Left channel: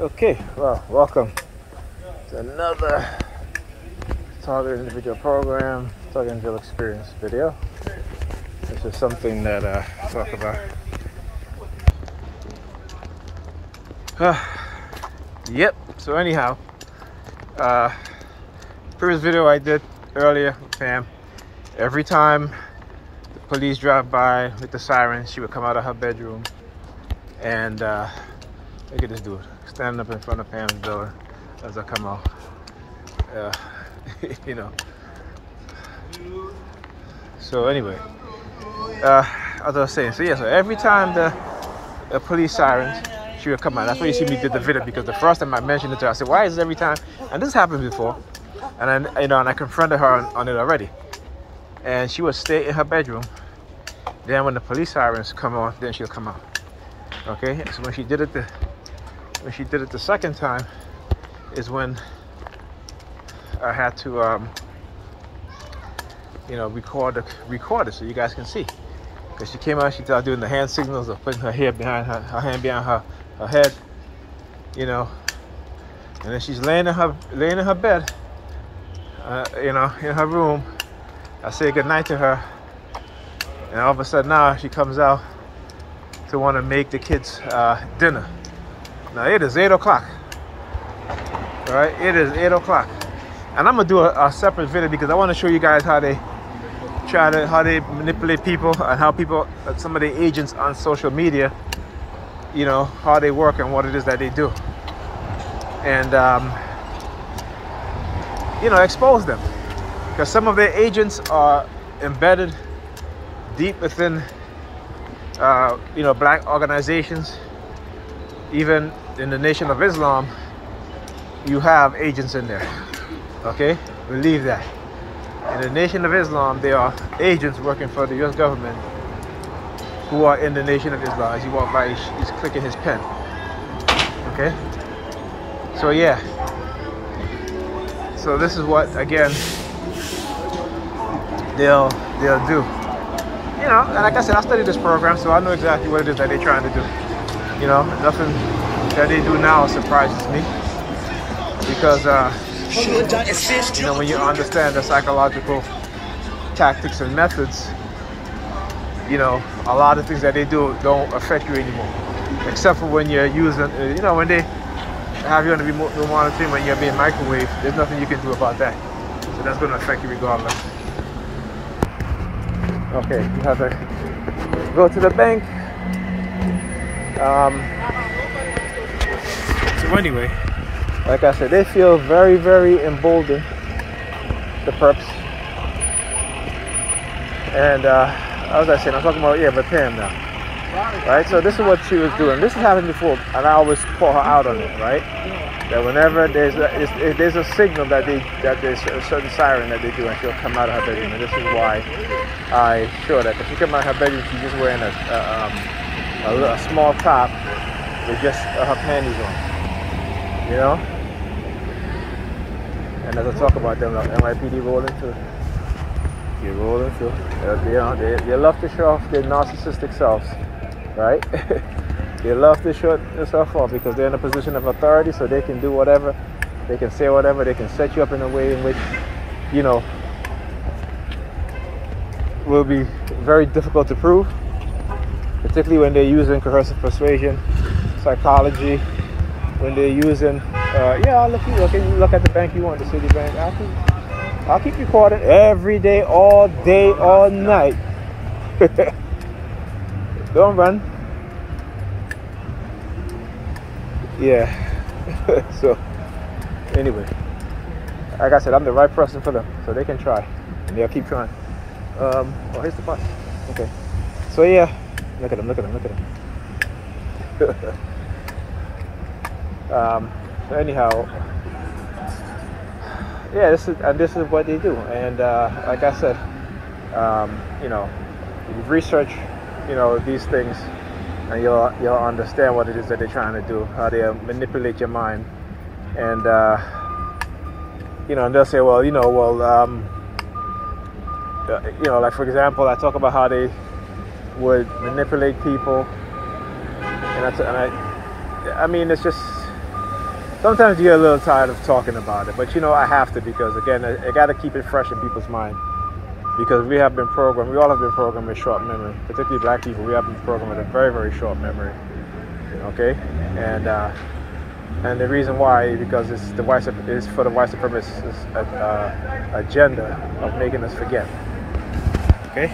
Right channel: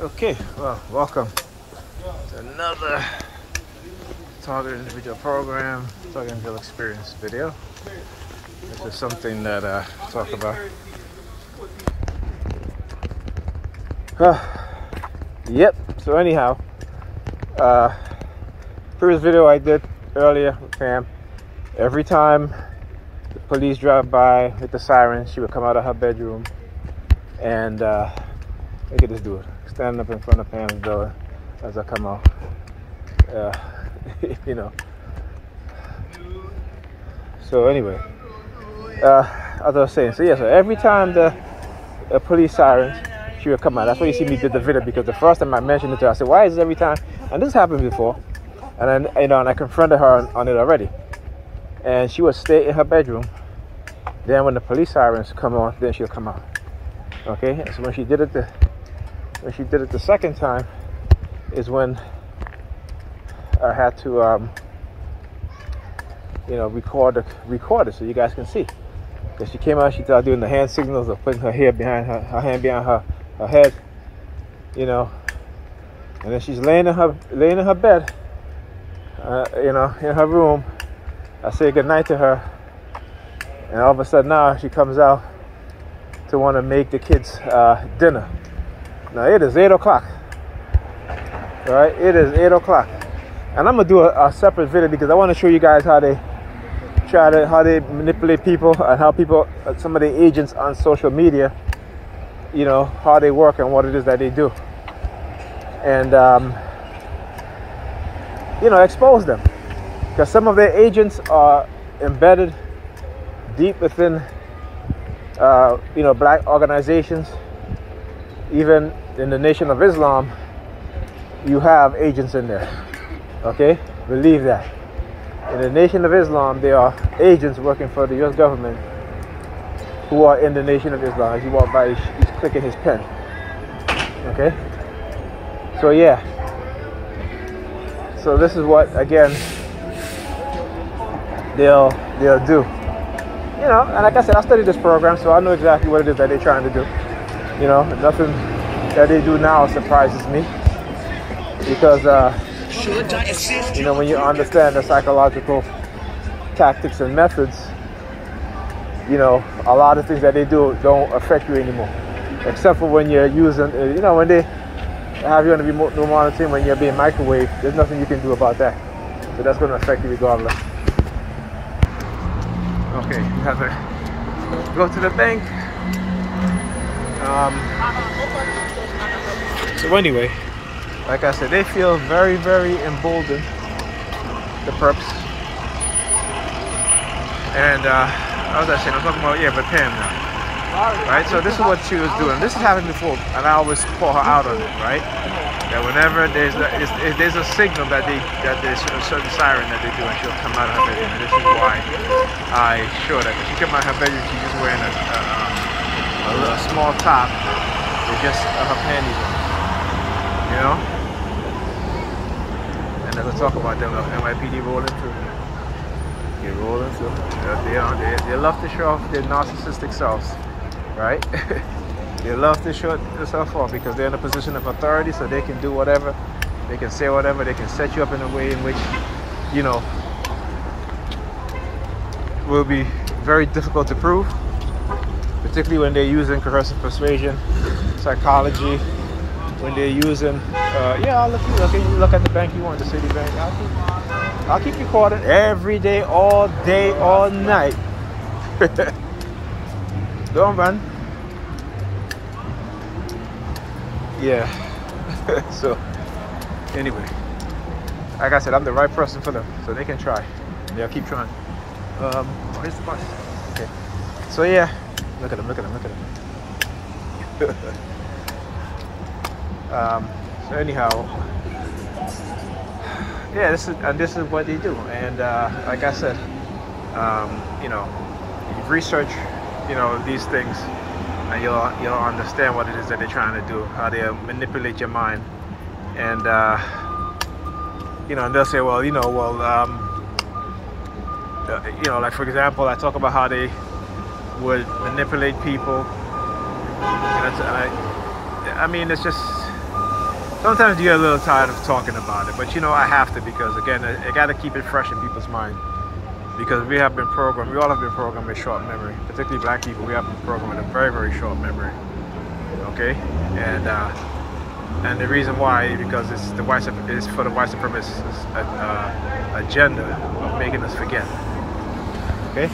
Okay, well, welcome to another Target Individual Program, Target Individual Experience video. This is something that I talk about. Yep, so anyhow, previous video I did earlier with Pam, every time the police drive by with the siren, she would come out of her bedroom and look at this dude standing up in front of Pam's door as I come out. You know. So anyway, as I was saying, so every time the police sirens, she would come out. That's why you see me did the video, because the first time I mentioned it to her, I said, "Why is it every time?" And this happened before, and then and I confronted her on it already, and she would stay in her bedroom. Then when the police sirens come on, then she'll come out. Okay, so when she did it the second time is when I had to record it so you guys can see. Because she came out, she started doing the hand signals of putting her hair behind her hand behind her head, and then she's laying in her bed, in her room. I say goodnight to her, and all of a sudden now she comes out to want to make the kids dinner. Now it is 8 o'clock. All right, it is 8 o'clock, and I'm gonna do a separate video because I want to show you guys how they manipulate people and how people, some of the agents on social media, how they work and what it is that they do, and expose them, because some of their agents are embedded deep within black organizations. Even in the Nation of Islam, you have agents in there. Okay, believe that. In the Nation of Islam, there are agents working for the U.S. government who are in the Nation of Islam. As you walk by, he's clicking his pen. Okay, so yeah. So this is what, again, they'll do. And like I said, I studied this program, so I know exactly what it is that they're trying to do. Nothing that they do now surprises me, because when you understand the psychological tactics and methods, a lot of things that they do don't affect you anymore, except for when you're using, when they have you on the remote monitoring, when you're being microwaved. There's nothing you can do about that, so that's going to affect you regardless. Okay, you have to go to the bank. So anyway, like I said, they feel very, very emboldened, the perps. And as I said, I'm talking about Pam now. Right? So this is what she was doing. This has happened before, and I always call her out on it, right? That whenever there's a signal that there's a certain siren that they do, and she'll come out of her bedroom. And this is why I show that. Because she came out of her bedroom, she's just wearing a small top with just her panties on, And as I talk about them, NYPD rolling through. They're rolling through. They love to show off their narcissistic selves, right? They love to show themselves off because they're in a position of authority, so they can do whatever, they can say whatever, they can set you up in a way in which, will be very difficult to prove, particularly when they're using coercive persuasion, psychology, when they're using, I'll look at the bank you want, the Citibank. I'll keep recording every day, all night. Don't run. Yeah. So anyway, like I said, I'm the right person for them, so they can try, and they'll keep trying. Here's the bus. Okay. So yeah, look at them. So anyhow, this is what they do, and like I said, research, these things, and you'll understand what it is that they're trying to do, how they manipulate your mind, and and they'll say, like for example, I talk about how they would manipulate people, and I mean, it's just Sometimes you get a little tired of talking about it, but you know I have to, because again, I got to keep it fresh in people's mind, because we all have been programmed with short memory, particularly black people. We have been programmed with a very, very short memory. Okay, and the reason why is because it's for the white supremacist agenda of making us forget. Okay.